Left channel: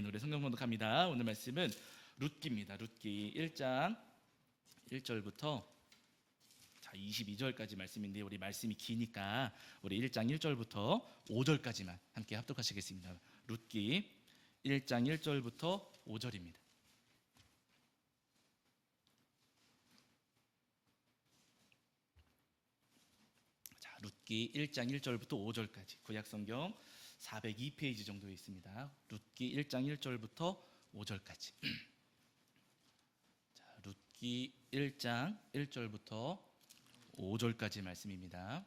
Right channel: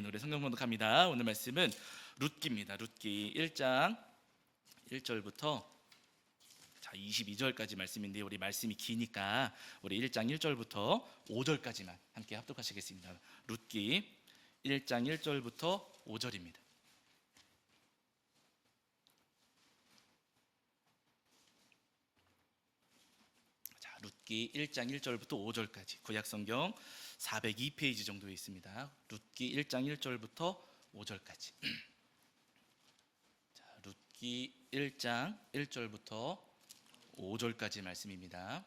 아멘. 우리 성경 공독합니다. 오늘 말씀은 룻기입니다. 룻기 1장 1절부터 22절까지 말씀인데 우리 말씀이 기니까 우리 1장 1절부터 5절까지만 함께 합독하시겠습니다. 룻기 1장 1절부터 5절입니다. 룻기 1장 1절부터 5절까지 구약성경 402페이지 정도에 있습니다. 룻기 1장 1절부터 5절까지. 룻기 1장 1절부터 5절까지 말씀입니다.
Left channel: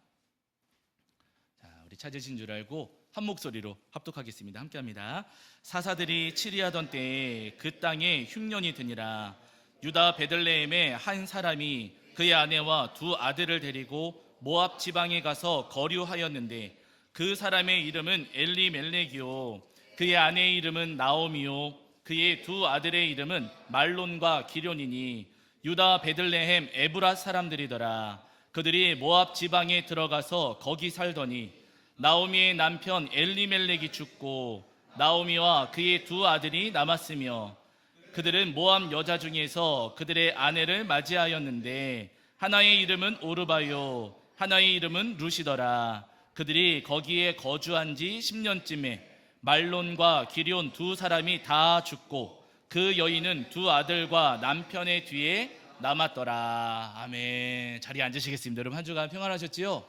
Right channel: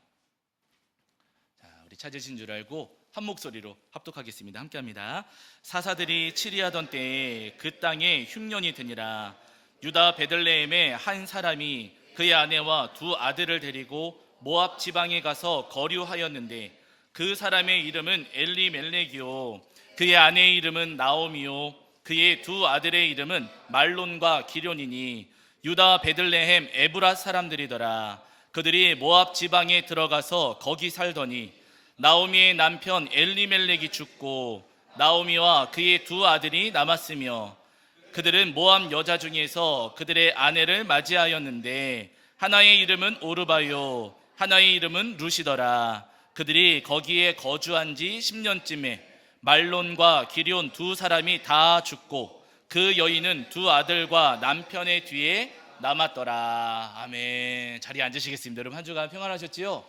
우리 찾으신 줄 알고 한 목소리로 합독하겠습니다. 함께합니다. 사사들이 치리하던 때에 그 땅에 흉년이 드니라. 유다 베들레헴에 한 사람이 그의 아내와 두 아들을 데리고 모압 지방에 가서 거류하였는데 그 사람의 이름은 엘리멜렉이요 그의 아내의 이름은 나오미요 그의 두 아들의 이름은 말론과 기련이니 유다 베들레헴 에브라 사람들이더라. 그들이 모압 지방에 들어가서 거기 살더니 나오미의 남편 엘리멜렉이 죽고 나오미와 그의 두 아들이 남았으며 그들은 모압 여자 중에서 그들의 아내를 맞이하였는데 하나의 이름은 오르바요 하나의 이름은 룻이더라. 그들이 거기에 거주한 지 10년쯤에 말론과 기럨 두 사람이 다 죽고 그 여인은 두 아들과 남편의 뒤에 남았더라. 아멘. 자리에 앉으시겠습니다. 여러분 한 주간 평안하셨지요?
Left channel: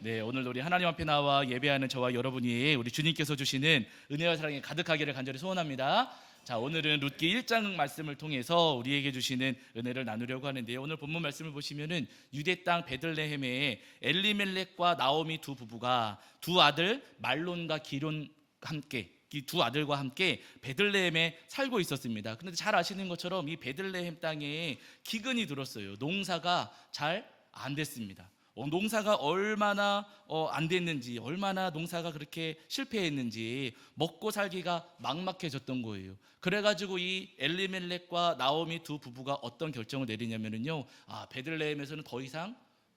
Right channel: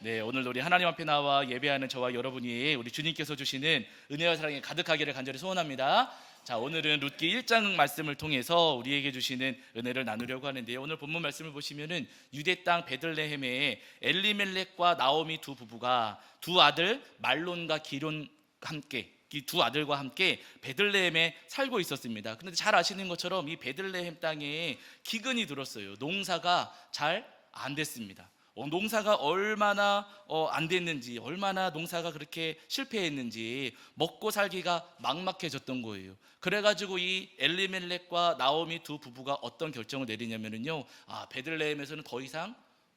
네, 오늘 우리 하나님 앞에 나와 예배하는 저와 여러분이 우리 주님께서 주시는 은혜와 사랑이 가득하기를 간절히 소원합니다. 자, 오늘은 룻기 1장 말씀을 통해서 우리에게 주시는 은혜를 나누려고 하는데요. 오늘 본문 말씀을 보시면은 유대 땅 베들레헴에 엘리멜렉과 나오미 두 부부가 두 아들 말론과 기럨 함께 이 두 아들과 함께 베들레헴에 살고 있었습니다. 그런데 잘 아시는 것처럼 이 베들레헴 땅에 기근이 들었어요. 농사가 잘 안 됐습니다. 농사가 얼마나 안 됐는지, 얼마나 농사가 그렇게 실패했는지 먹고 살기가 막막해졌던 거예요. 그래가지고 이 엘리멜렉과 나오미 두 부부가 어떤 결정을 내리냐면요, 베들레헴에서는 더 이상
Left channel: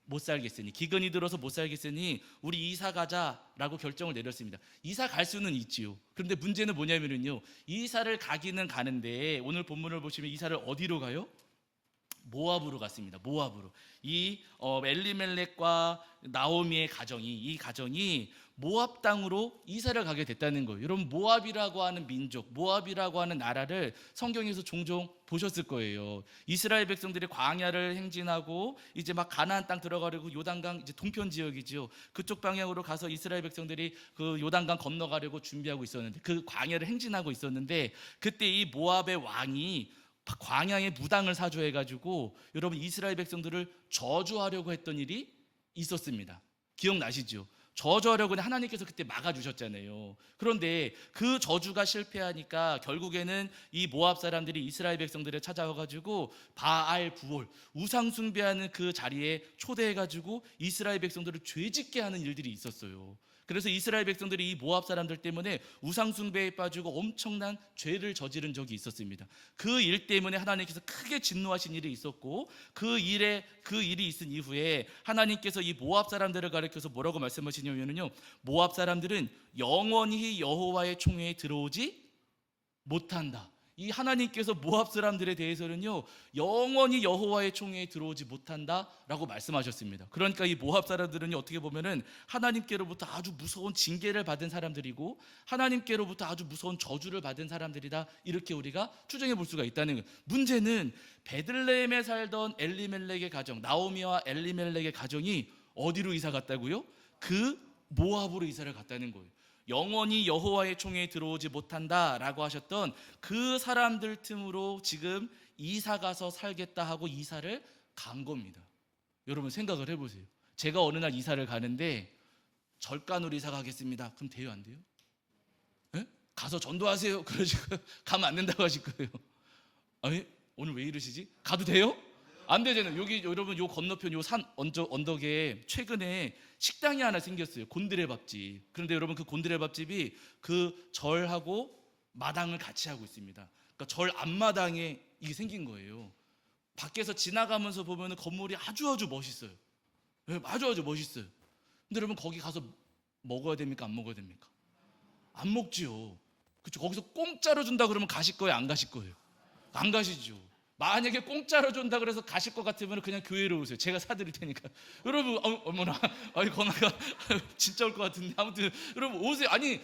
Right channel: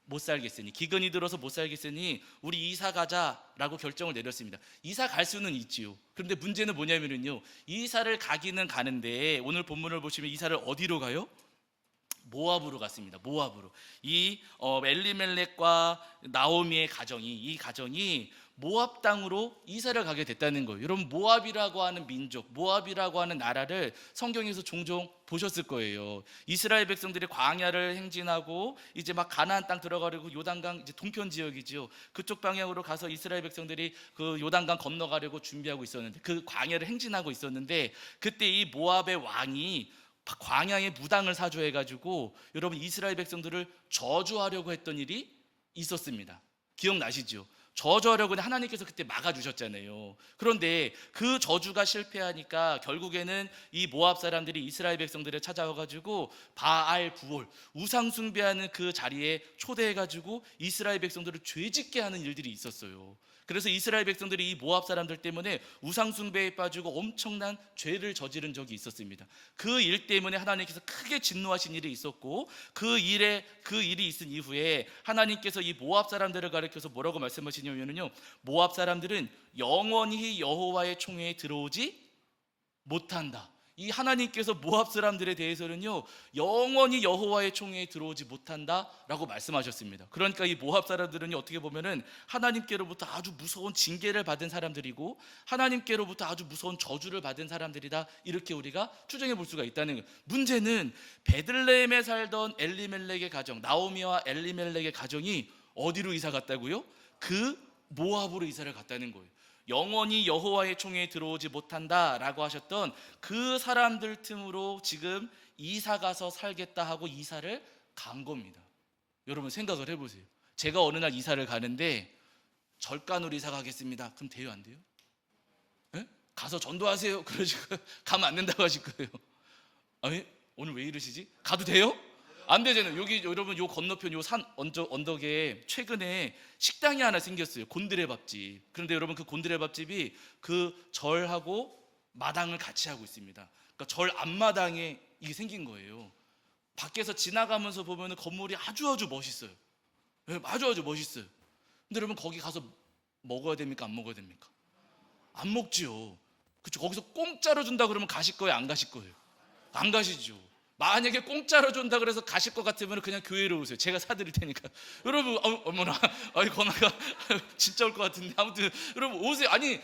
못 살겠으니, 기근이 들어서 못 살겠으니 우리 이사 가자라고 결정을 내렸습니다. 이사 갈 수는 있지요. 그런데 문제는 뭐냐면요, 이사를 가기는 가는데 오늘 본문을 보시면 이사를 어디로 가요? 모압으로 갔습니다. 모압으로. 이 엘리멜렉과 나오미의 이 가정이 모압 땅으로 이사를 가게 됐다는 거예요. 여러분, 모압이라고 하는 민족, 모압이라고 하는 나라를 성경에서 종종 보셨을 거예요. 이스라엘 백성들이 광야를 행진하고 이제 막 가나안 땅 들어가려고 요단강 이제 동편 지역이죠. 그쪽 방향으로 가서 이스라엘 백성들이 그 요단강 건너가려고 준비하고 있었는데, 그 광야를 행진하고 있었는데, 그때 이 모압의 왕이 광야에 무당을 사주해가지고 여러분 이스라엘 백성들을 저주하려고 했던 일이 있었습니다. 기억나시죠? 저주하려고 했는데 하나님께서 그때 막아주셨잖아요. 그런데 그 저주가 실패하니까 결국에는 이 모압 사람들이 이스라엘 백성들을 찾아와가지고 바알 부올 우상 숭배하는 그 자리에 초대해가지고 이스라엘 백성들을 죄짓게 하는 일들이 있었어요. 그래서 이스라엘 백성들이 이 모압 사람들 때문에 우상 숭배에 빠지고 엄청난 죄를 저지른 적이 있었습니다. 그 일 때문에 하나님께서 크게 진노하신 일이 있었고, 그 일이 있은 이후에 하나님께서 이 모압 사람들을 가리켜서 뭐라고 말씀하시냐면요, 모압 사람들은 영원히 여호와의 총회에 들어오지 못한다. 이 하나님께서 모압 사람들에 대해서는요, 영원히 여호와의 총회에 들어오지 못한다라고 말씀하셨습니다. 그러니까 이 모압 사람들은요, 어떻게 보면은 하나님께로부터 아주 무서운 징계를 받은 사람들이고 하나님께로부터 아주 무서운 저주를 받은 사람들이다, 이렇게 우리가 추정해 볼 수가 있다는 거예요. 문제는 베들레헴에 살던 엘리멜렉의 가정, 나오미와 엘리멜렉의 가정이 어디로 이사 갔다고요? 그 모압으로 이사를 갔다는 거예요. 영원히 여호와의 총회에 들어오지 못한다라고 하셨던 그 사람들 틈으로 지금 이사 가서 살겠다 하고 이사를 간 겁니다. 여러분 생각을 해보세요. 제가 어느 날 이사를 가는데 절간으로 이사 가겠습니다. 그럼 돼요, 안 돼요? 에? 가서 전도하세요. 그러지 가면 안 된다고 하실 거예요. 아니, 오늘 왜 이러시지? 가도 돼요? 안 되잖아요. 여기 여러분 요 건너편 요 산 언덕에 최근에 식당이 하나 생겼어요. 곤드레 밥집. 그런데 여러분 그 곤드레 밥집이 그 절하고 마당을 같이 하고 있습니다. 그러니까 절 앞마당에 이게 생긴 거예요. 밖에서 지나가면서 보면 건물이 아주 멋있어요. 네, 아주 멋있어요. 근데 여러분 거기 가서 먹어야 됩니까? 안 먹어야 됩니까? 안 먹지요. 그쵸? 거기서 공짜로 준다 그러면 가실 거예요, 안 가실 거예요? 안 가시죠. 만약에 공짜로 준다 그래서 가실 것 같으면 그냥 교회로 오세요. 제가 사드릴 테니까. 여러분, 어머나, 아니 건아가 진짜 올 것 같은데. 아무튼 여러분 오세요. 아니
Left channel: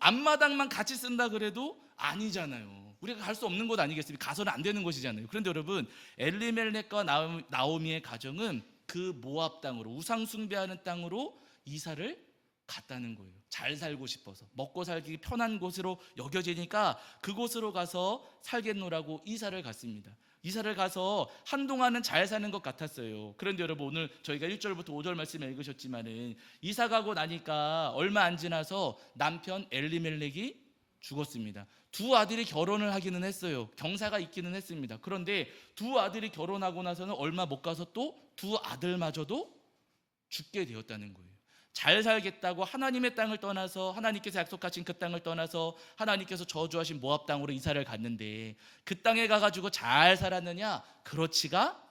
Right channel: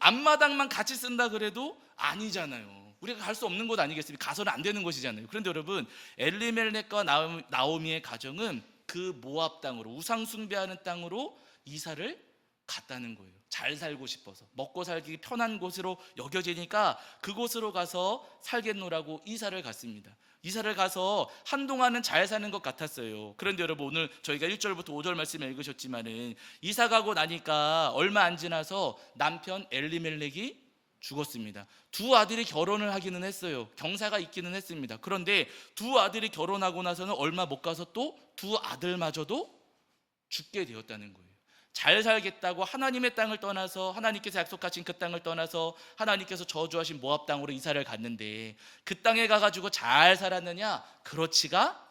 앞마당만 같이 쓴다 그래도 아니잖아요. 우리가 갈 수 없는 곳 아니겠습니까? 가서는 안 되는 것이잖아요. 그런데 여러분, 엘리멜렉과 나오미의 가정은 그 모압 땅으로, 우상 숭배하는 땅으로 이사를 갔다는 거예요. 잘 살고 싶어서, 먹고 살기 편한 곳으로 여겨지니까 그곳으로 가서 살겠노라고 이사를 갔습니다. 이사를 가서 한동안은 잘 사는 것 같았어요. 그런데 여러분, 오늘 저희가 1절부터 5절 말씀을 읽으셨지만은 이사 가고 나니까 얼마 안 지나서 남편 엘리멜렉이 죽었습니다. 두 아들이 결혼을 하기는 했어요. 경사가 있기는 했습니다. 그런데 두 아들이 결혼하고 나서는 얼마 못 가서 또 두 아들마저도 죽게 되었다는 거예요. 잘 살겠다고 하나님의 땅을 떠나서, 하나님께서 약속하신 그 땅을 떠나서 하나님께서 저주하신 모압 땅으로 이사를 갔는데 그 땅에 가가지고 잘 살았느냐? 그렇지가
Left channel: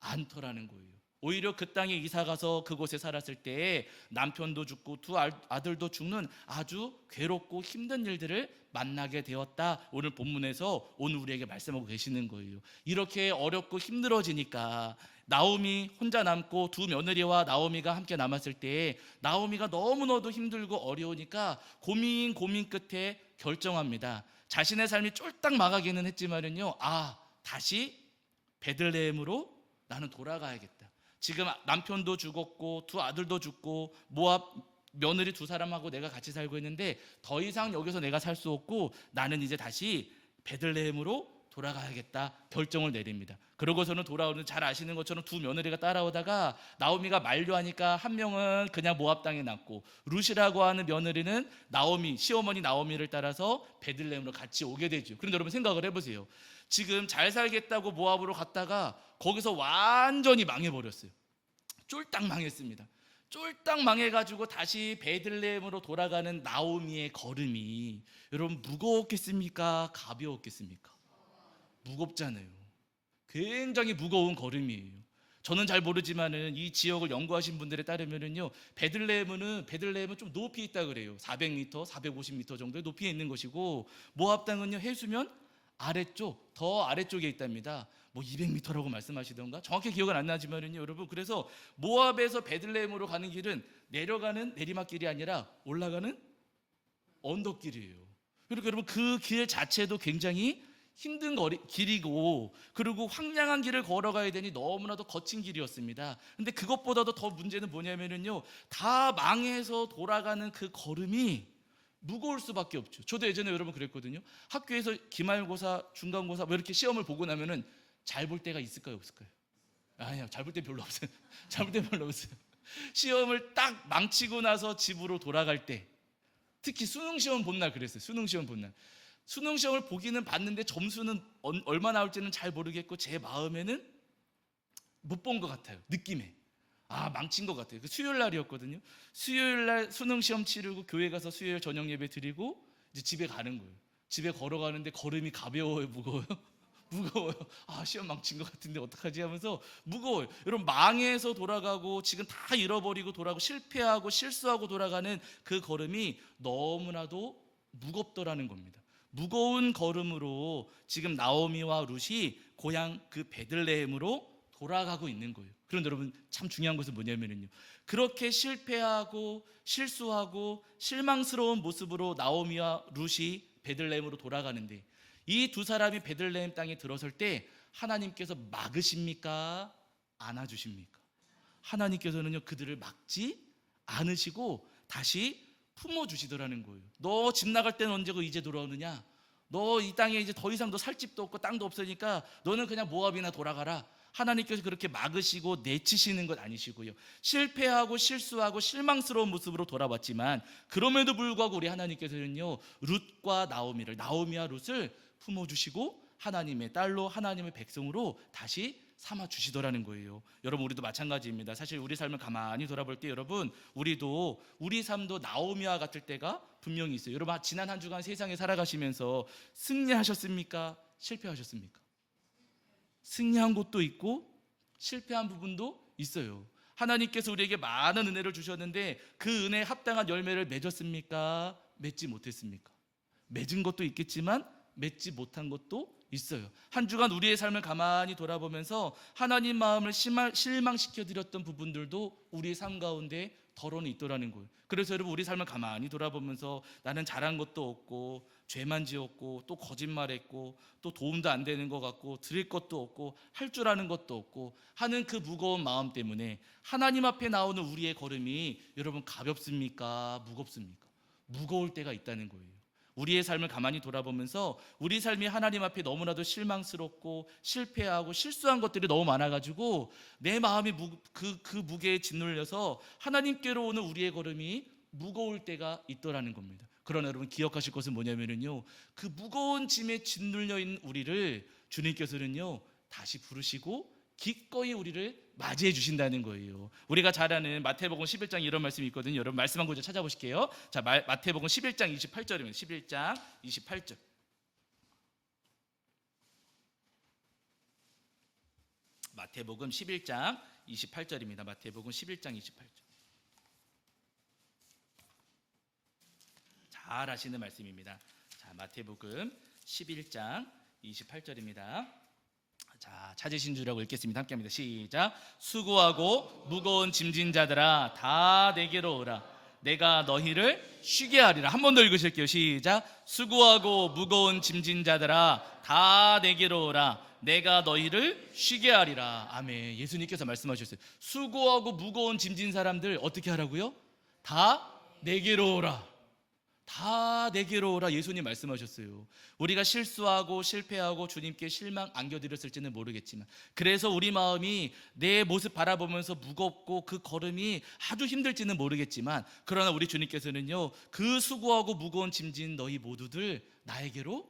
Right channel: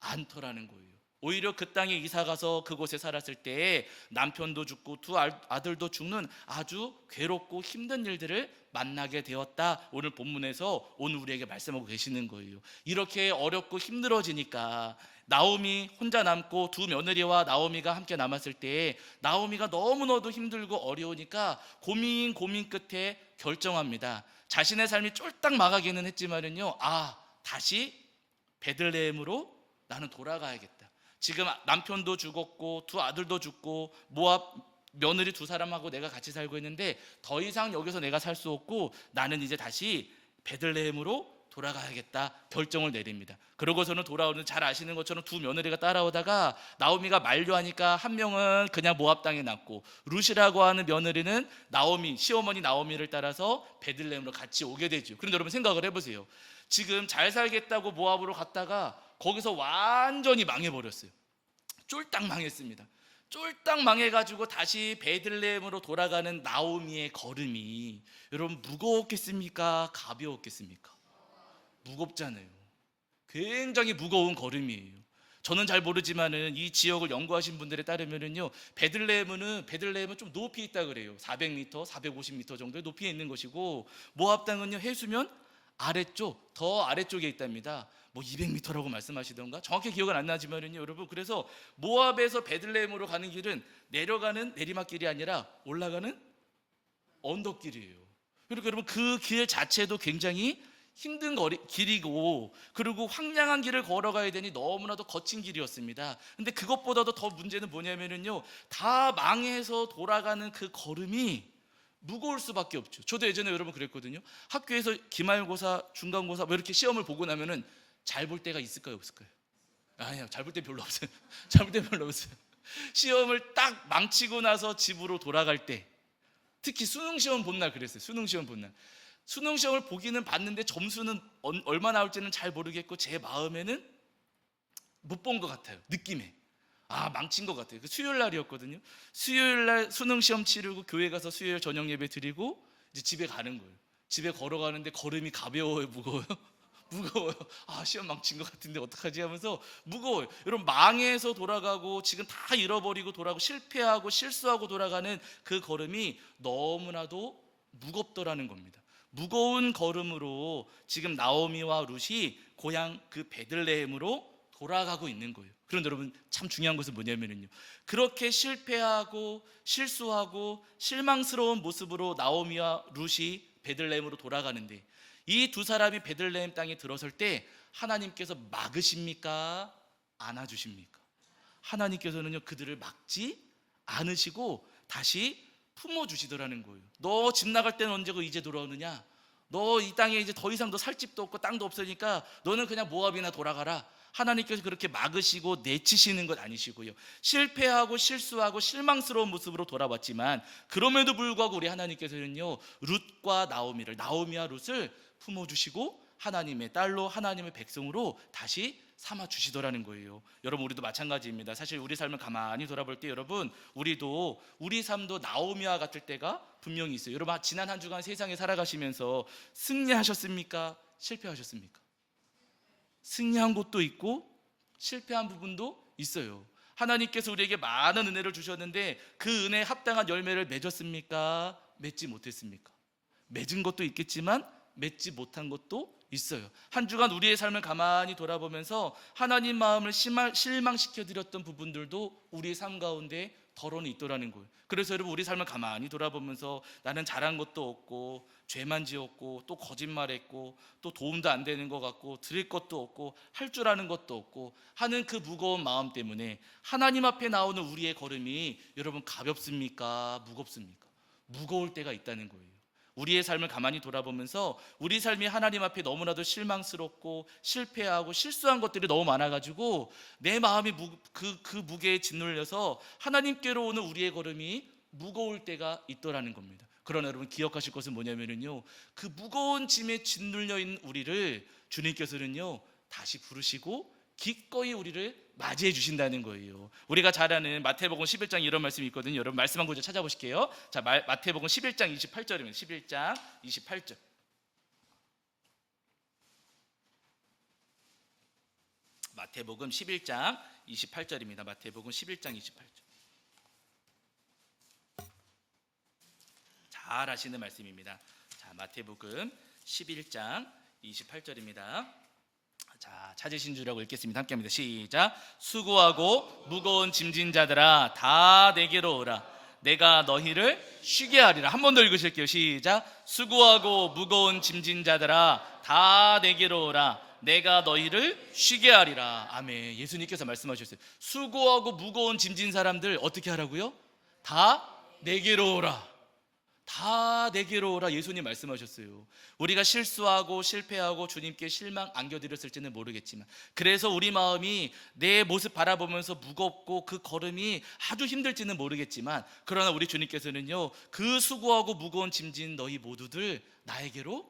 않더라는 거예요. 오히려 그 땅에 이사 가서 그곳에 살았을 때 남편도 죽고 두 아들도 죽는 아주 괴롭고 힘든 일들을 만나게 되었다. 오늘 본문에서 오늘 우리에게 말씀하고 계시는 거예요. 이렇게 어렵고 힘들어지니까 나오미 혼자 남고 두 며느리와 나오미가 함께 남았을 때 나오미가 너무너도 힘들고 어려우니까 고민 끝에 결정합니다. 자신의 삶이 쫄딱 망하기는 했지만은요, 다시 베들레헴으로 나는 돌아가야겠다. 지금 남편도 죽었고 두 아들도 죽고 모압 며느리 두 사람하고 내가 같이 살고 있는데 더 이상 여기서 내가 살 수 없고 나는 이제 다시 베들레헴으로 돌아가야겠다 결정을 내립니다. 그러고서는 돌아오는, 잘 아시는 것처럼 두 며느리가 따라오다가 나오미가 만류하니까 한 명은 그냥 모압 땅에 남고 룻이라고 하는 며느리는 나오미, 시어머니 나오미를 따라서 베들레헴으로 같이 오게 되죠. 그런데 여러분 생각을 해보세요. 지금 잘 살겠다고 모압으로 갔다가 거기서 완전히 망해버렸어요. 쫄딱 망했습니다. 쫄딱 망해가지고 다시 베들레헴으로 돌아가는 나오미의 걸음이 여러분 무거웠겠습니까? 가벼웠겠습니까? 무겁잖아요. 굉장히 무거운 걸음이에요. 저는 잘 모르지만은 이 지역을 연구하신 분들에 따르면은요, 베들레헴은 좀 높이 있다 그래요. 400m, 450m 정도의 높이에 있는 것이고 모압 땅은요 해수면 아래쪽, 더 아래쪽에 있답니다. 뭐 200m라고 말씀하시던가 정확히 기억은 안 나지만은요, 여러분, 그래서 모압에서 베들레헴으로 가는 길은 내려가는 내리막길이 아니라 올라가는 언덕길이에요. 그리고 여러분 그 길 자체도 굉장히 힘든 길이고 그리고 황량한 길을 걸어가야 되니 너무나도 거친 길이었습니다. 근데 그것보다도 더 문제는 뭐냐면은요, 다 망해서 돌아가는 그 걸음이 무거울 수밖에 없죠. 저도 예전에 여러분 그랬거든요. 학교에서 기말고사, 중간고사 뭐 이렇게 시험을 보고 나면은 잘 볼 때가 있을까요, 없을까요? 아니요, 잘 볼 때 별로 없어요. 잘 볼 때 별로 없어요. 시험을 딱 망치고 나서 집으로 돌아갈 때, 특히 수능 시험 본 날 그랬어요. 수능 시험 본 날. 수능 시험을 보기는 봤는데 점수는 얼마 나올지는 잘 모르겠고 제 마음에는 못 본 것 같아요. 느낌에. 망친 것 같아요. 수요일 날이었거든요. 수요일 날 수능 시험 치르고 교회 가서 수요일 저녁 예배 드리고 이제 집에 가는 거예요. 집에 걸어가는데 걸음이 가벼워요, 무거워요? 무거워요. 시험 망친 것 같은데 어떡하지 하면서 무거워요. 여러분, 망해서 돌아가고 지금 다 잃어버리고 돌아가고 실패하고 실수하고 돌아가는 그 걸음이 너무나도 무겁더라는 겁니다. 무거운 걸음으로 지금 나오미와 룻이 고향 그 베들레헴으로 돌아가고 있는 거예요. 그런데 여러분, 참 중요한 것은 뭐냐면요, 그렇게 실패하고 실수하고 실망스러운 모습으로 나오미와 룻이 베들레헴으로 돌아가는데 이 두 사람이 베들레헴 땅에 들어설 때 하나님께서 막으십니까? 안아주십니까? 하나님께서는요 그들을 막지 않으시고 다시 품어주시더라는 거예요. 너 집 나갈 때는 언제고 이제 돌아오느냐? 너 이 땅에 이제 더 이상 너 살 집도 없고 땅도 없으니까 너는 그냥 모압이나 돌아가라. 하나님께서 그렇게 막으시고 내치시는 것 아니시고요, 실패하고 실수하고 실망스러운 모습으로 돌아왔지만 그럼에도 불구하고 우리 하나님께서는요 룻과 나오미와 룻을 품어주시고 하나님의 딸로 하나님의 백성으로 다시 삼아 주시더라는 거예요. 여러분, 우리도 마찬가지입니다. 사실 우리 삶을 가만히 돌아볼 때 여러분, 우리 삶도 나오미와 같을 때가 분명히 있어요. 여러분, 지난 한 주간 세상에 살아가시면서 승리하셨습니까? 실패하셨습니까? 승리한 곳도 있고 실패한 부분도 있어요. 하나님께서 우리에게 많은 은혜를 주셨는데 그 은혜에 합당한 열매를 맺었습니까? 맺지 못했습니까? 맺은 것도 있겠지만 맺지 못한 것도 있어요. 한 주간 우리의 삶을 가만히 돌아보면서 하나님 마음을 실망시켜드렸던 부분들도 우리의 삶 가운데 덜어는 있더라는 거예요. 그래서 여러분, 우리 삶을 가만히 돌아보면서 나는 잘한 것도 없고 죄만 지었고 또 거짓말했고 또 도움도 안 되는 것 같고 드릴 것도 없고 할 줄 아는 것도 없고 하는 그 무거운 마음 때문에 하나님 앞에 나오는 우리의 걸음이 여러분 가볍습니까? 무겁습니까? 무거울 때가 있다는 거예요. 우리의 삶을 가만히 돌아보면서 우리 삶이 하나님 앞에 너무나도 실망스럽고 실패하고 실수한 것들이 너무 많아가지고 내 마음이 그 무게에 짓눌려서 하나님께로 오는 우리의 걸음이 무거울 때가 있더라는 겁니다. 그러나 여러분, 기억하실 것은 뭐냐면요, 그 무거운 짐에 짓눌려 있는 우리를 주님께서는요 다시 부르시고 기꺼이 우리를 맞이해 주신다는 거예요. 우리가 잘 아는 마태복음 11장 이런 말씀이 있거든요. 여러분, 말씀 한 구절 찾아보실게요. 자, 마태복음 11장 28절입니다. 11장 28절. 마태복음 11장 28절입니다. 마태복음 11장 28절. 잘 아시는 말씀입니다. 자, 마태복음 11장 28절입니다. 자, 찾으신 줄 알고 읽겠습니다. 함께합니다. 시작. 수고하고 무거운 짐진 자들아 다 내게로 오라. 내가 너희를 쉬게 하리라. 한 번 더 읽으실게요. 시작. 수고하고 무거운 짐진 자들아 다 내게로 오라. 내가 너희를 쉬게 하리라. 아멘. 예수님께서 말씀하셨어요. 수고하고 무거운 짐진 사람들 어떻게 하라고요? 다 내게로 오라. 다 내게로 오라. 예수님 말씀하셨어요. 우리가 실수하고 실패하고 주님께 실망 안겨드렸을지는 모르겠지만, 그래서 우리 마음이 내 모습 바라보면서 무겁고 그 걸음이 아주 힘들지는 모르겠지만, 그러나 우리 주님께서는요 그 수고하고 무거운 짐진 너희 모두들 나에게로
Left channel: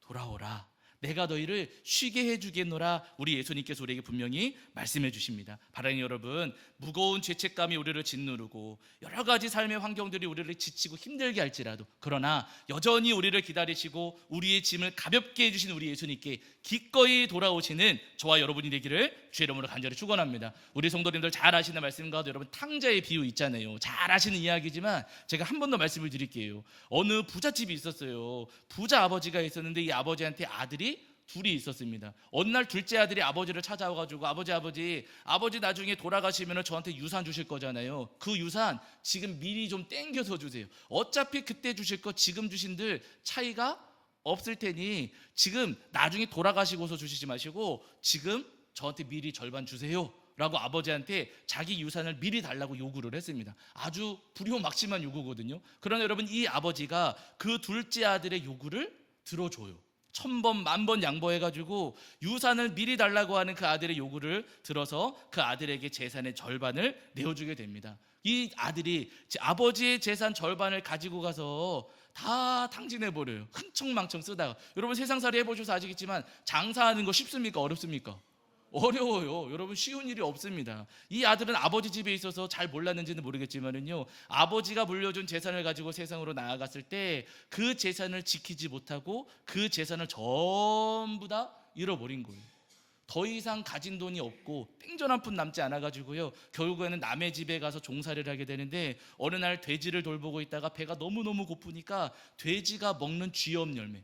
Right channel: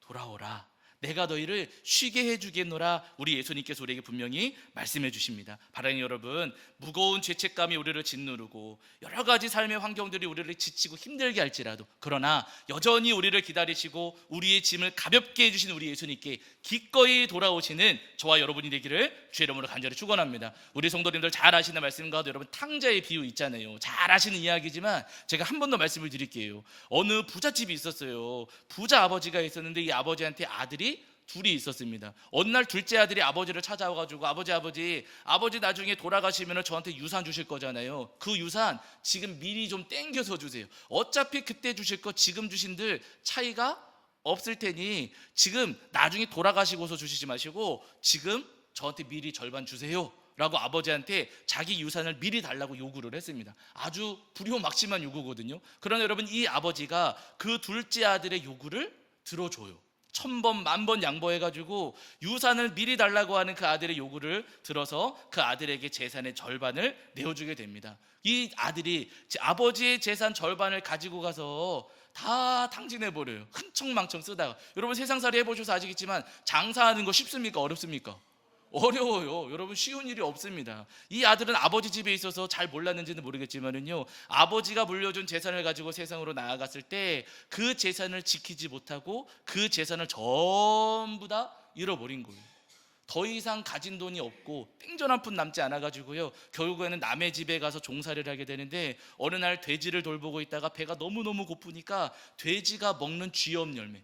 돌아오라. 내가 너희를 쉬게 해주겠노라. 우리 예수님께서 우리에게 분명히 말씀해 주십니다. 바라는 여러분, 무거운 죄책감이 우리를 짓누르고 여러 가지 삶의 환경들이 우리를 지치고 힘들게 할지라도, 그러나 여전히 우리를 기다리시고 우리의 짐을 가볍게 해주신 우리 예수님께 기꺼이 돌아오시는 저와 여러분이 되기를 주의 이름으로 간절히 축원합니다. 우리 성도님들 잘 아시는 말씀 가운데 여러분 탕자의 비유 있잖아요. 잘 아시는 이야기지만 제가 한 번 더 말씀을 드릴게요. 어느 부잣집이 있었어요. 부자 아버지가 있었는데 이 아버지한테 아들이 둘이 있었습니다. 어느 날 둘째 아들이 아버지를 찾아와가지고 아버지 나중에 돌아가시면 저한테 유산 주실 거잖아요. 그 유산 지금 미리 좀 땡겨서 주세요. 어차피 그때 주실 거 지금 주신들 차이가 없을 테니 지금 나중에 돌아가시고서 주시지 마시고 지금 저한테 미리 절반 주세요 라고 아버지한테 자기 유산을 미리 달라고 요구를 했습니다. 아주 불효막심한 요구거든요. 그러나 여러분, 이 아버지가 그 둘째 아들의 요구를 들어줘요. 1000번 만번 양보해가지고 유산을 미리 달라고 하는 그 아들의 요구를 들어서 그 아들에게 재산의 절반을 내어주게 됩니다. 이 아들이 아버지의 재산 절반을 가지고 가서 다 탕진해버려요. 흥청망청 쓰다가. 여러분, 세상살이 해보셔서 아시겠지만 장사하는 거 쉽습니까? 어렵습니까? 어려워요. 여러분, 쉬운 일이 없습니다. 이 아들은 아버지 집에 있어서 잘 몰랐는지는 모르겠지만은요, 아버지가 물려준 재산을 가지고 세상으로 나아갔을 때 그 재산을 지키지 못하고 그 재산을 전부 다 잃어버린 거예요. 더 이상 가진 돈이 없고 팽전 한 푼 남지 않아가지고요, 결국에는 남의 집에 가서 종살이를 하게 되는데, 어느 날 돼지를 돌보고 있다가 배가 너무너무 고프니까 돼지가 먹는 쥐염 열매,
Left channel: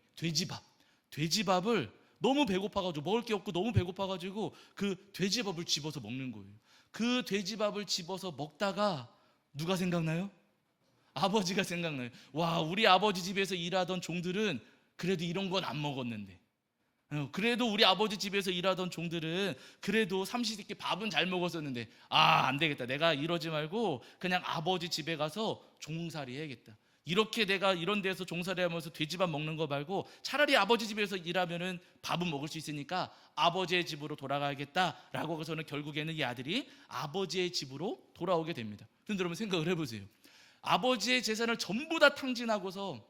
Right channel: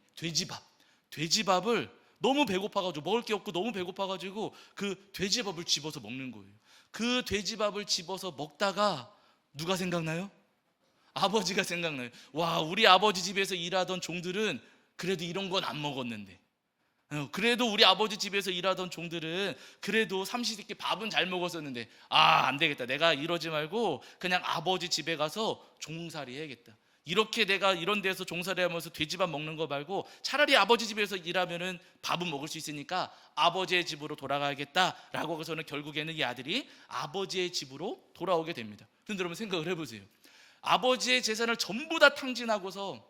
돼지밥을 너무 배고파가지고, 먹을 게 없고 너무 배고파가지고 그 돼지밥을 집어서 먹는 거예요. 그 돼지밥을 집어서 먹다가 누가 생각나요? 아버지가 생각나요. 와, 우리 아버지 집에서 일하던 종들은 그래도 이런 건 안 먹었는데, 그래도 우리 아버지 집에서 일하던 종들은 그래도 삼시세끼 밥은 잘 먹었었는데, 안 되겠다. 내가 이러지 말고 그냥 아버지 집에 가서 종살이 해야겠다. 이렇게 내가 이런 데서 종살이 하면서 돼지밥 먹는 거 말고 차라리 아버지 집에서 일하면은 밥은 먹을 수 있으니까 아버지의 집으로 돌아가야겠다라고 해서는 결국에는 이 아들이 아버지의 집으로 돌아오게 됩니다. 근데 여러분, 생각을 해보세요. 아버지의 재산을 전부 다 탕진하고서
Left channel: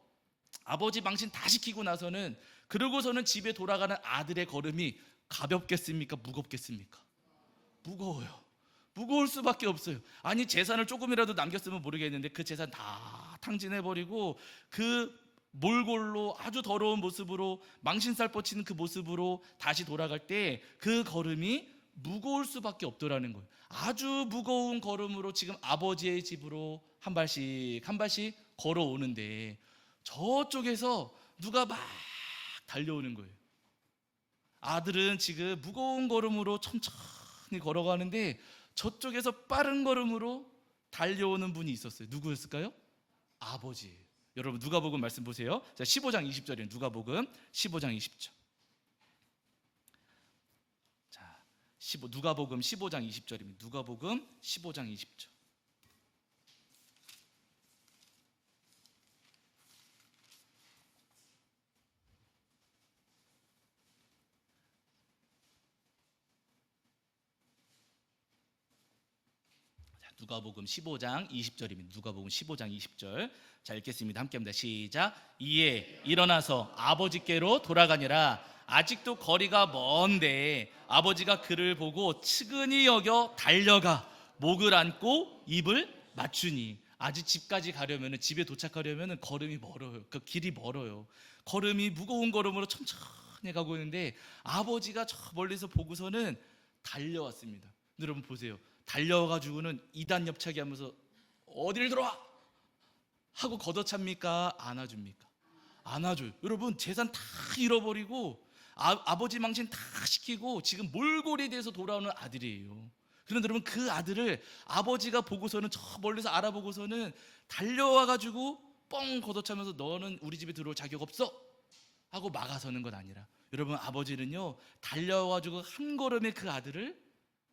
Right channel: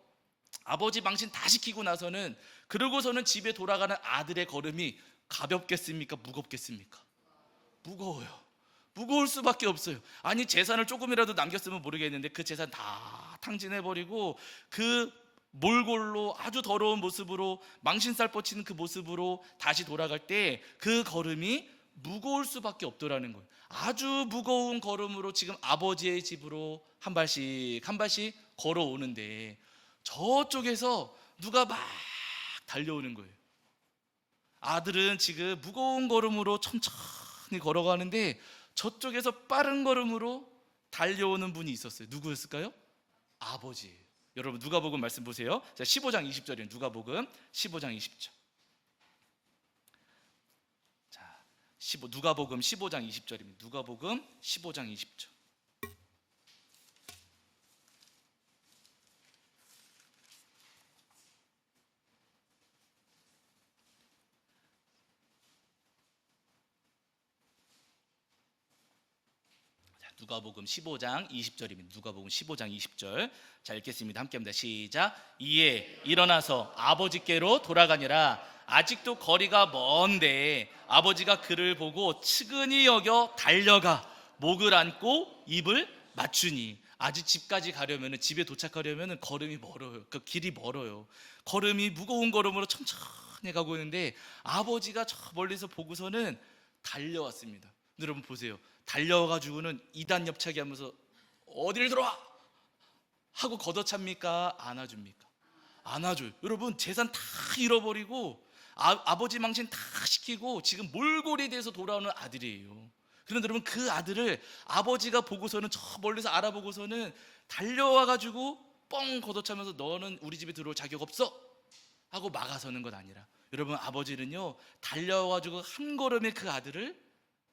아버지 망신 다 시키고 나서는, 그러고서는 집에 돌아가는 아들의 걸음이 가볍겠습니까? 무겁겠습니까? 무거워요. 무거울 수밖에 없어요. 아니, 재산을 조금이라도 남겼으면 모르겠는데 그 재산 다 탕진해버리고 그 몰골로 아주 더러운 모습으로, 망신살 뻗치는 그 모습으로 다시 돌아갈 때 그 걸음이 무거울 수밖에 없더라는 거예요. 아주 무거운 걸음으로 지금 아버지의 집으로 한 발씩 한 발씩 걸어오는데, 저쪽에서 누가 막 달려오는 거예요. 아들은 지금 무거운 걸음으로 천천히 걸어가는데 저쪽에서 빠른 걸음으로 달려오는 분이 있었어요. 누구였을까요? 아버지. 여러분 누가복음 말씀 보세요. 자, 15장 20절이에요. 누가복음 15장 20절. 자, 누가복음 15장 20절입니다. 누가복음 15장 20절. 누가복음 15장 20절입니다. 누가복음 15장 20절. 자, 읽겠습니다. 함께합니다. 시작. 이에 일어나서 아버지께로 돌아가니라. 아직도 거리가 먼데 아버지가 그를 보고 측은히 여겨 달려가 목을 안고 입을 맞추니. 아직 집까지 가려면, 집에 도착하려면 걸음이 멀어요. 그 길이 멀어요. 걸음이 무거운 걸음으로 천천히 가고 있는데 아버지가 저 멀리서 보고서는 달려왔습니다. 여러분 보세요. 달려와가지고는 이단 옆차기 하면서 어딜 들어와 하고 걷어찹니까? 안아줍니까? 안아줘요. 여러분 재산 다 잃어버리고 아버지 망신 다 시키고 지금 몰골이 돼서 돌아오는 아들이에요. 그런데 여러분 그 아들을 아버지가 보고서는 저 멀리서 알아보고서는 달려와가지고 뻥 걷어차면서 너는 우리 집에 들어올 자격 없어 하고 막아서는 것 아니라, 여러분 아버지는요 달려와가지고 한 걸음에 그 아들을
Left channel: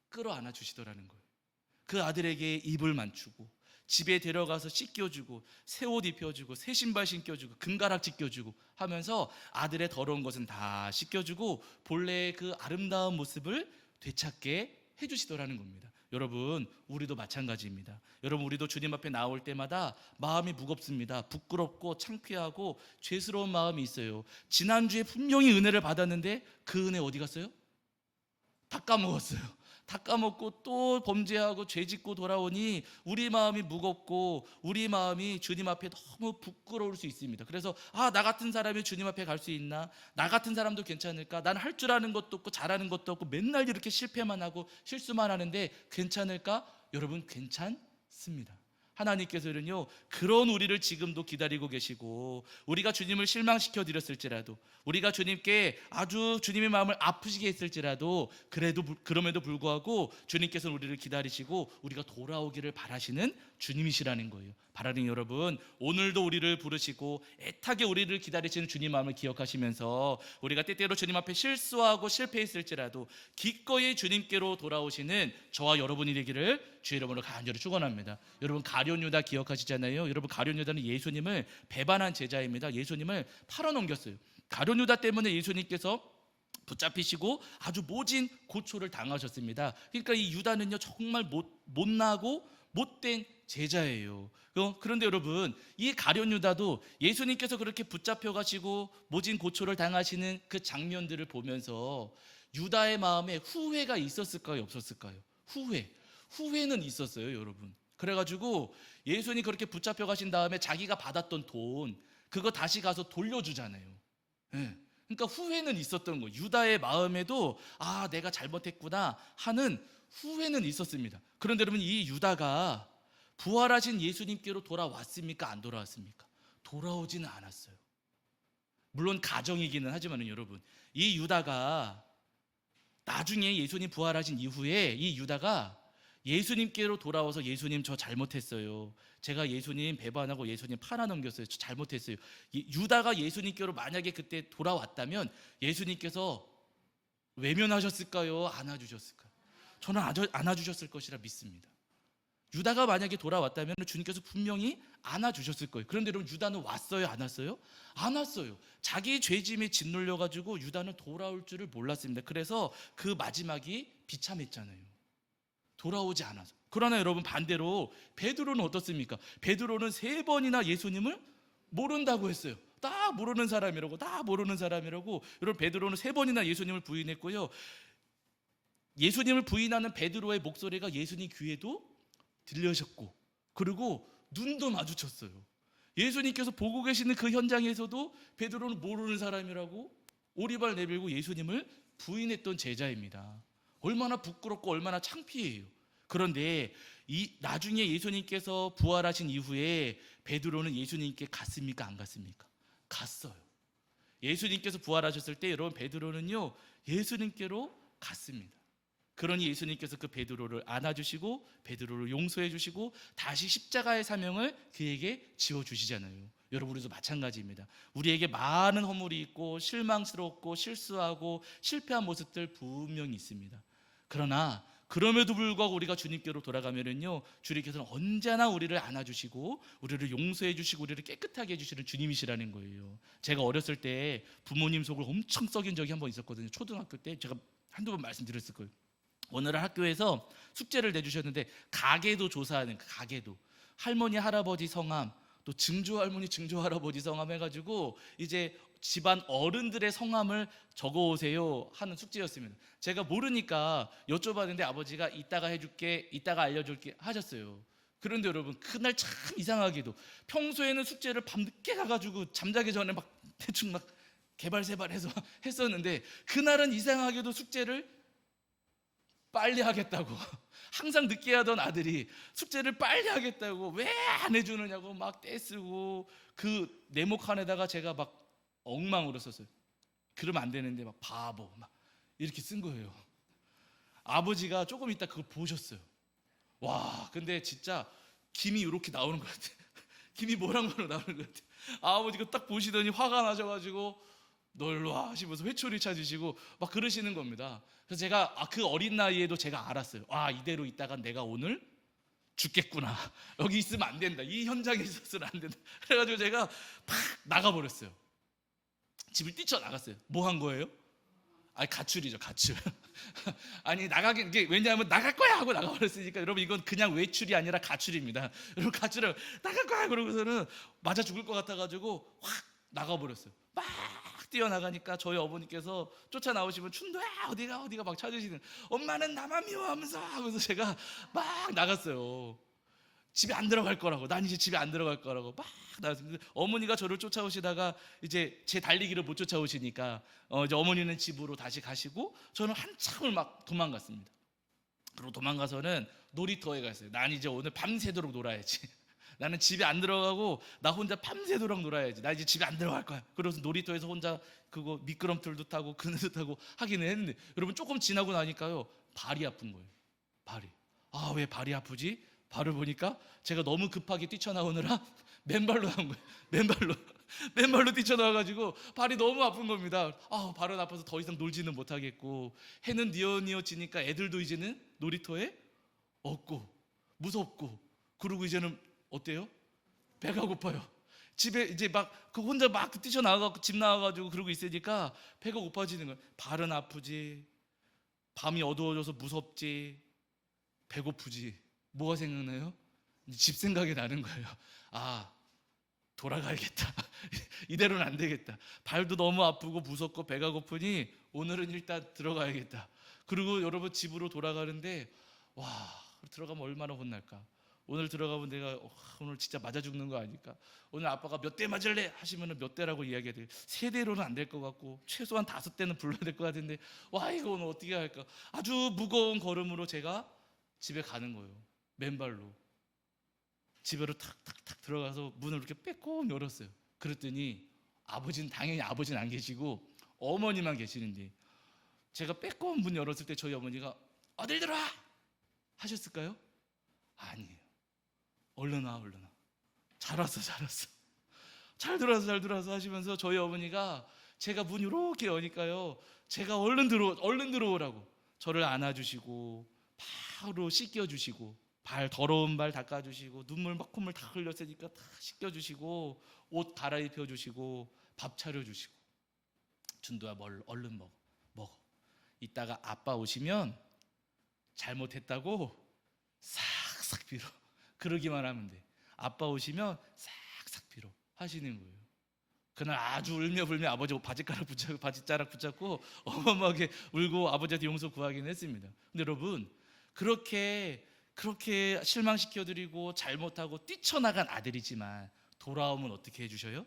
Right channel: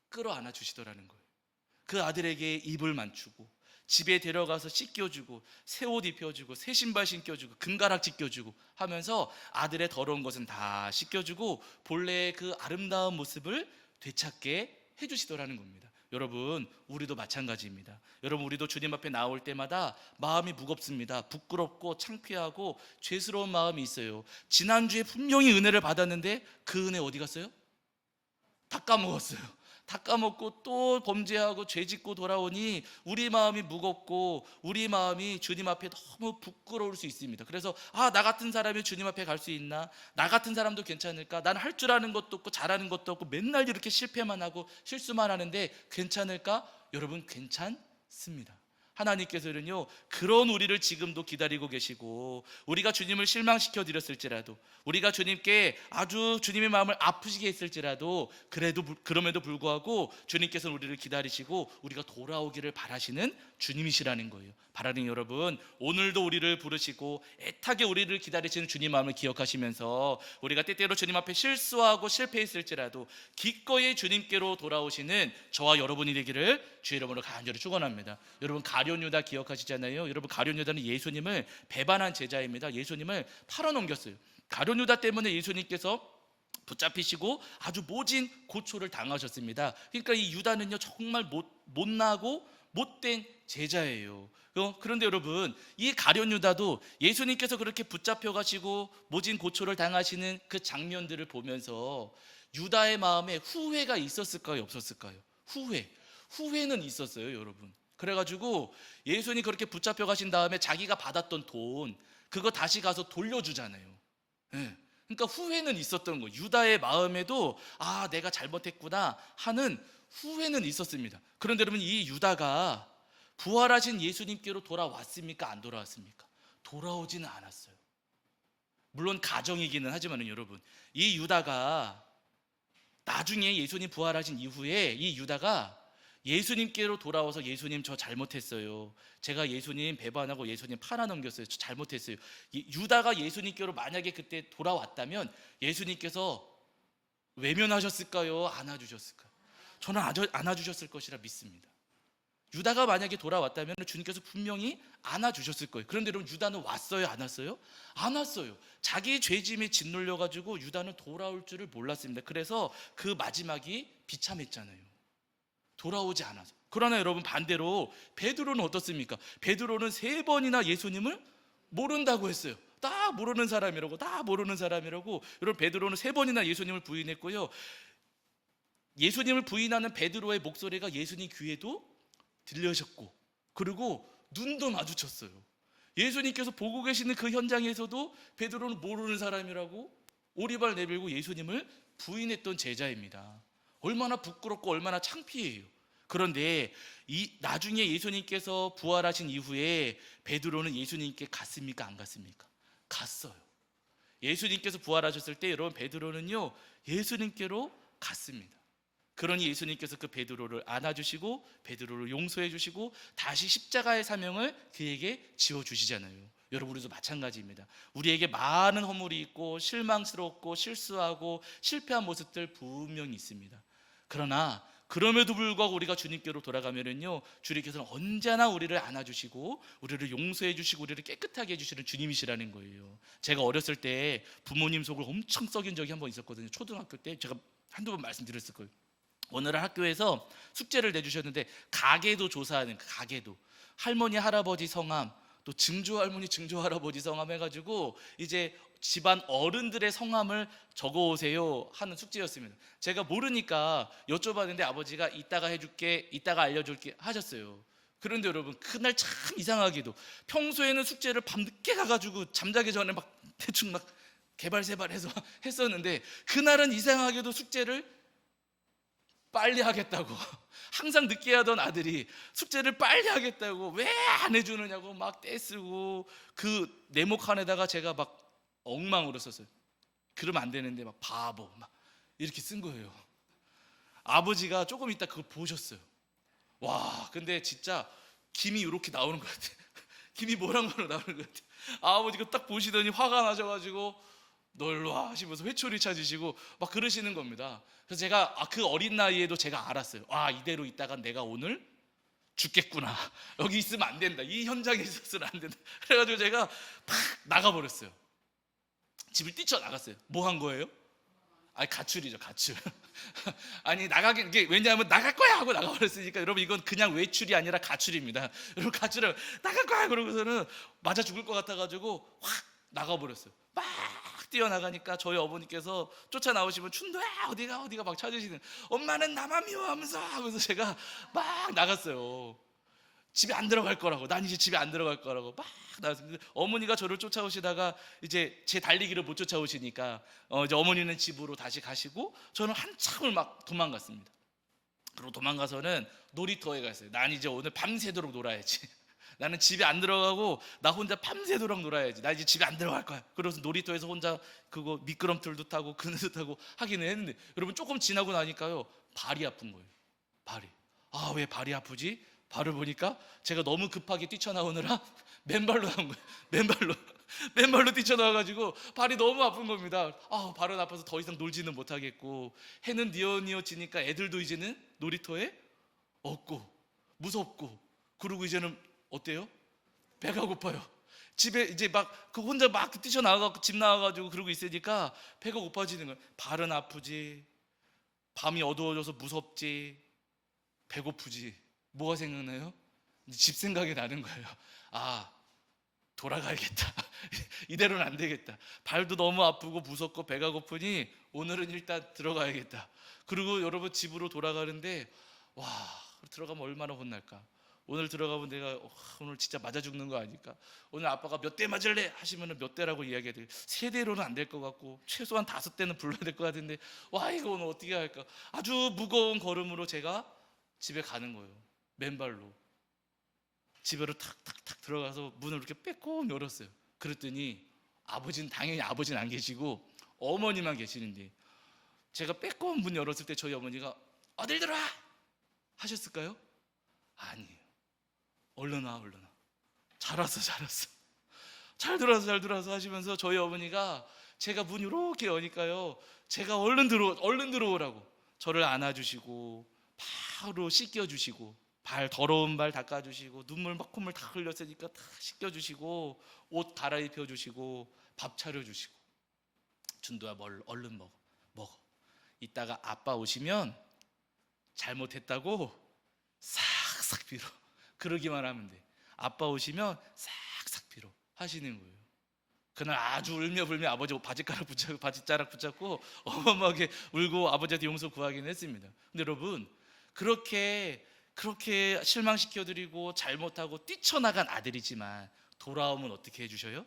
끌어안아 주시더라는 거예요. 그 아들에게 입을 맞추고 집에 데려가서 씻겨주고 새 옷 입혀주고 새 신발 신겨주고 금가락지 껴주고 하면서 아들의 더러운 것은 다 씻겨주고 본래의 그 아름다운 모습을 되찾게 해주시더라는 겁니다. 여러분 우리도 마찬가지입니다. 여러분 우리도 주님 앞에 나올 때마다 마음이 무겁습니다. 부끄럽고 창피하고 죄스러운 마음이 있어요. 지난주에 분명히 은혜를 받았는데 그 은혜 어디 갔어요? 다 까먹었어요. 다 까먹고 또 범죄하고 죄짓고 돌아오니 우리 마음이 무겁고 우리 마음이 주님 앞에 너무 부끄러울 수 있습니다. 그래서 나 같은 사람이 주님 앞에 갈 수 있나? 나 같은 사람도 괜찮을까? 난 할 줄 아는 것도 없고 잘하는 것도 없고 맨날 이렇게 실패만 하고 실수만 하는데 괜찮을까? 여러분 괜찮습니다. 하나님께서는요 그런 우리를 지금도 기다리고 계시고, 우리가 주님을 실망시켜 드렸을지라도, 우리가 주님께 아주 주님의 마음을 아프시게 했을지라도 그럼에도 불구하고 주님께서는 우리를 기다리시고 우리가 돌아오기를 바라시는 주님이시라는 거예요. 바라는 여러분, 오늘도 우리를 부르시고 애타게 우리를 기다리시는 주님 마음을 기억하시면서 우리가 때때로 주님 앞에 실수하고 실패했을지라도 기꺼이 주님께로 돌아오시는 저와 여러분이 되기를 주의 이름으로 간절히 축원합니다. 여러분 가룟 유다 기억하시잖아요. 여러분 가룟 유다는 예수님을 배반한 제자입니다. 예수님을 팔아넘겼어요. 가룟 유다 때문에 예수님께서 붙잡히시고 아주 모진 고초를 당하셨습니다. 그러니까 이 유다는요 정말 못나고 못된 제자예요. 그런데 여러분 이 가룟 유다도 예수님께서 그렇게 붙잡혀 가시고 모진 고초를 당하시는 그 장면들을 보면서 유다의 마음에 후회가 있었을까요? 없었을까요? 후회는 있었어요, 여러분. 그래가지고 예수님이 그렇게 붙잡혀 가신 다음에 자기가 받았던 돈 그거 다시 가서 돌려주잖아요. 네. 그러니까 후회는 있었던 거예요. 유다의 마음에도 내가 잘못했구나 하는 후회는 있었습니다. 그런데 여러분 이 유다가 부활하신 예수님께로 돌아왔습니까? 안 돌아왔습니까? 돌아오지는 않았어요. 물론 가정이기는 하지만 여러분 이 유다가 나중에 예수님 부활하신 이후에 이 유다가 예수님께로 돌아와서 예수님 저 잘못했어요. 제가 예수님 배반하고 예수님 팔아넘겼어요. 저 잘못했어요. 유다가 예수님께로 만약에 그때 돌아왔다면 예수님께서 외면하셨을까요? 안아주셨을까요? 저는 안아주셨을 것이라 믿습니다. 유다가 만약에 돌아왔다면 주님께서 분명히 안아주셨을 거예요. 그런데 여러분 유다는 왔어요? 안 왔어요? 안 왔어요. 자기 죄짐에 짓눌려가지고 유다는 돌아올 줄을 몰랐습니다. 그래서 그 마지막이 비참했잖아요. 돌아오지 않아서. 그러나 여러분 반대로 베드로는 어떻습니까? 베드로는 3번이나 예수님을 모른다고 했어요. 다 모르는 사람이라고. 여러분 베드로는 3번이나 예수님을 부인했고요. 예수님을 부인하는 베드로의 목소리가 예수님 귀에도 들려셨고, 그리고 눈도 마주쳤어요. 예수님께서 보고 계시는 그 현장에서도 베드로는 모르는 사람이라고 오리발 내밀고 예수님을 부인했던 제자입니다. 얼마나 부끄럽고 얼마나 창피해요. 그런데 이 나중에 예수님께서 부활하신 이후에 베드로는 예수님께 갔습니까? 안 갔습니까? 갔어요. 예수님께서 부활하셨을 때 여러분 베드로는요 예수님께로 갔습니다. 그러니 예수님께서 그 베드로를 안아주시고 베드로를 용서해 주시고 다시 십자가의 사명을 그에게 지어주시잖아요. 여러분 우리도 마찬가지입니다. 우리에게 많은 허물이 있고 실망스럽고 실수하고 실패한 모습들 분명히 있습니다. 그러나 그럼에도 불구하고 우리가 주님께로 돌아가면은요 주님께서는 언제나 우리를 안아주시고 우리를 용서해 주시고 우리를 깨끗하게 해주시는 주님이시라는 거예요. 제가 어렸을 때 부모님 속을 엄청 썩인 적이 한 번 있었거든요. 초등학교 때 제가 한두 번 말씀드렸을 거예요. 오늘은 학교에서 숙제를 내주셨는데 가계도 조사하는 가계도 할머니 할아버지 성함 또 증조 할머니 증조 할아버지 성함 해가지고 이제 집안 어른들의 성함을 적어오세요 하는 숙제였습니다. 제가 모르니까 여쭤봤는데 아버지가 이따가 해줄게 이따가 알려줄게 하셨어요. 그런데 여러분 그날 참 이상하게도 평소에는 숙제를 밤늦게 가가지고 잠자기 전에 막 대충 막 개발세발해서 했었는데 그날은 이상하게도 숙제를 빨리 하겠다고 항상 늦게 하던 아들이 숙제를 빨리 하겠다고 왜 안 해주느냐고 막 떼쓰고 그 네모칸에다가 제가 막 엉망으로 썼어요. 그러면 안 되는데 막 바보 막 이렇게 쓴 거예요. 아버지가 조금 있다 그걸 보셨어요. 와 근데 진짜 김이 이렇게 나오는 것 같아. 김이 모락모락 나오는 것 같아. 아버지가 딱 보시더니 화가 나셔가지고 너 일로 와 하시면서 회초리 찾으시고 막 그러시는 겁니다. 그래서 제가 그 어린 나이에도 제가 알았어요. 이대로 있다가 내가 오늘 죽겠구나. 여기 있으면 안 된다. 이 현장에 있었으면 안 된다. 그래가지고 제가 탁 나가버렸어요. 집을 뛰쳐나갔어요. 뭐 한 거예요? 가출이죠, 가출. 아니 왜냐하면 나갈 거야 하고 나가버렸으니까 여러분 이건 그냥 외출이 아니라 가출입니다. 여러분 가출을 나갈 거야 그러고서는 맞아 죽을 것 같아가지고 확 나가버렸어요. 막 뛰어나가니까 저희 어머니께서 쫓아나오시면 춘도야 어디가 막 찾으시는 엄마는 나만 미워하면서 하면서 제가 막 나갔어요. 집에 안 들어갈 거라고 난 이제 집에 안 들어갈 거라고 막 나갔어요. 어머니가 저를 쫓아오시다가 이제 제 달리기를 못 쫓아오시니까 이제 어머니는 집으로 다시 가시고 저는 한참을 막 도망갔습니다. 그리고 도망가서는 놀이터에 갔어요. 난 이제 오늘 밤새도록 놀아야지. 나는 집에 안 들어가고 나 혼자 밤새도록 놀아야지. 나 이제 집에 안 들어갈 거야. 그래서 놀이터에서 혼자 그거 미끄럼틀도 타고 그늘도 타고 하기는 했는데 여러분 조금 지나고 나니까요 발이 아픈 거예요. 발이. 왜 발이 아프지? 발을 보니까 제가 너무 급하게 뛰쳐나오느라 맨발로 나온 거예요. 맨발로 뛰쳐나와가지고 발이 너무 아픈 겁니다. 발은 아파서 더 이상 놀지는 못하겠고 해는 뉘어지니까 애들도 이제는 놀이터에 없고 무섭고 그리고 이제는 어때요? 배가 고파요. 집에 이제 막 그 혼자 막 뛰쳐나와가지고 집 나와가지고 그러고 있으니까 배가 고파지는 거예요. 발은 아프지 밤이 어두워져서 무섭지 배고프지 뭐가 생각나요? 집 생각이 나는 거예요. 돌아가야겠다. 이대로는 안 되겠다. 발도 너무 아프고 무섭고 배가 고프니 오늘은 일단 들어가야겠다. 그리고 여러분 집으로 돌아가는데 들어가면 얼마나 혼날까. 오늘 들어가면 내가 오늘 진짜 맞아 죽는 거 아닐까. 오늘 아빠가 몇 대 맞을래 하시면 몇 대라고 이야기해야 돼. 3대로는 안 될 것 같고 최소한 5대는 불러야 될 것 같은데 이거 오늘 어떻게 할까. 아주 무거운 걸음으로 제가 집에 가는 거예요. 맨발로 집으로 탁탁탁 들어가서 문을 이렇게 빼꼼 열었어요. 그랬더니 당연히 아버지는 안 계시고 어머니만 계시는데 제가 빼꼼 문 열었을 때 저희 어머니가 어딜 들어와 하셨을까요? 아니에요. 얼른 와. 잘 왔어. 잘 들어와서 하시면서 저희 어머니가 제가 문 이렇게 여니까요 제가 얼른 들어오라고 저를 안아주시고 바로 씻겨주시고 더러운 발 닦아주시고 눈물 막 콧물 다 흘렸으니까 다 씻겨주시고 옷 갈아입혀주시고 밥 차려주시고 준도야 얼른 먹어. 이따가 아빠 오시면 잘못했다고 싹싹 빌어. 그러기만 하면 돼. 아빠 오시면 싹싹 빌어 하시는 거예요. 그날 아주 울며불며 아버지 바지자락 붙잡고 어마어마하게 울고 아버지한테 용서 구하긴 했습니다. 근데 여러분 그렇게 실망시켜드리고 잘못하고 뛰쳐나간 아들이지만 돌아오면 어떻게 해주셔요?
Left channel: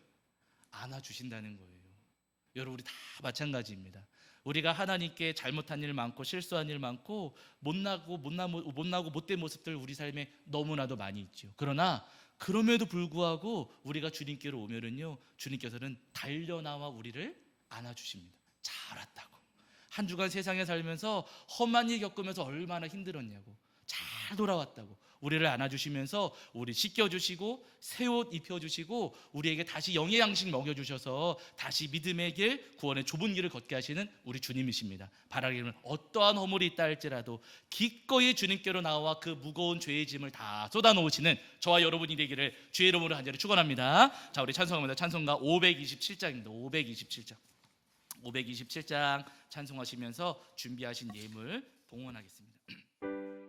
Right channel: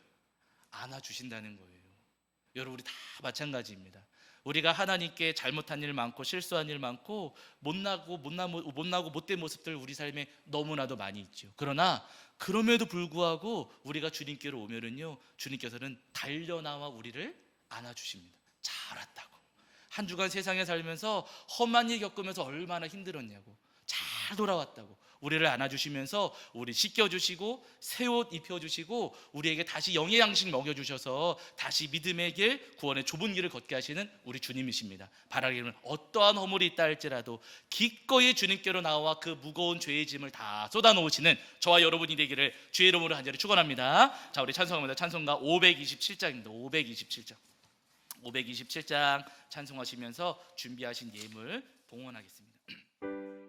안아주신다는 거예요. 여러분 우리 다 마찬가지입니다. 우리가 하나님께 잘못한 일 많고 실수한 일 많고 못나고 못된 모습들 우리 삶에 너무나도 많이 있죠. 그러나 그럼에도 불구하고 우리가 주님께로 오면은요, 주님께서는 달려나와 우리를 안아주십니다. 잘 왔다고. 한 주간 세상에 살면서 험한 일 겪으면서 얼마나 힘들었냐고. 잘 돌아왔다고. 우리를 안아주시면서 우리 씻겨주시고 새 옷 입혀주시고 우리에게 다시 영의 양식 먹여주셔서 다시 믿음의 길, 구원의 좁은 길을 걷게 하시는 우리 주님이십니다. 바라기는 어떠한 허물이 있다 할지라도 기꺼이 주님께로 나와 그 무거운 죄의 짐을 다 쏟아놓으시는 저와 여러분이 되기를 주의 이름으로 간절히 축원합니다. 자, 우리 찬송합니다. 찬송가 527장입니다. 527장 찬송하시면서 준비하신 예물 봉헌하겠습니다.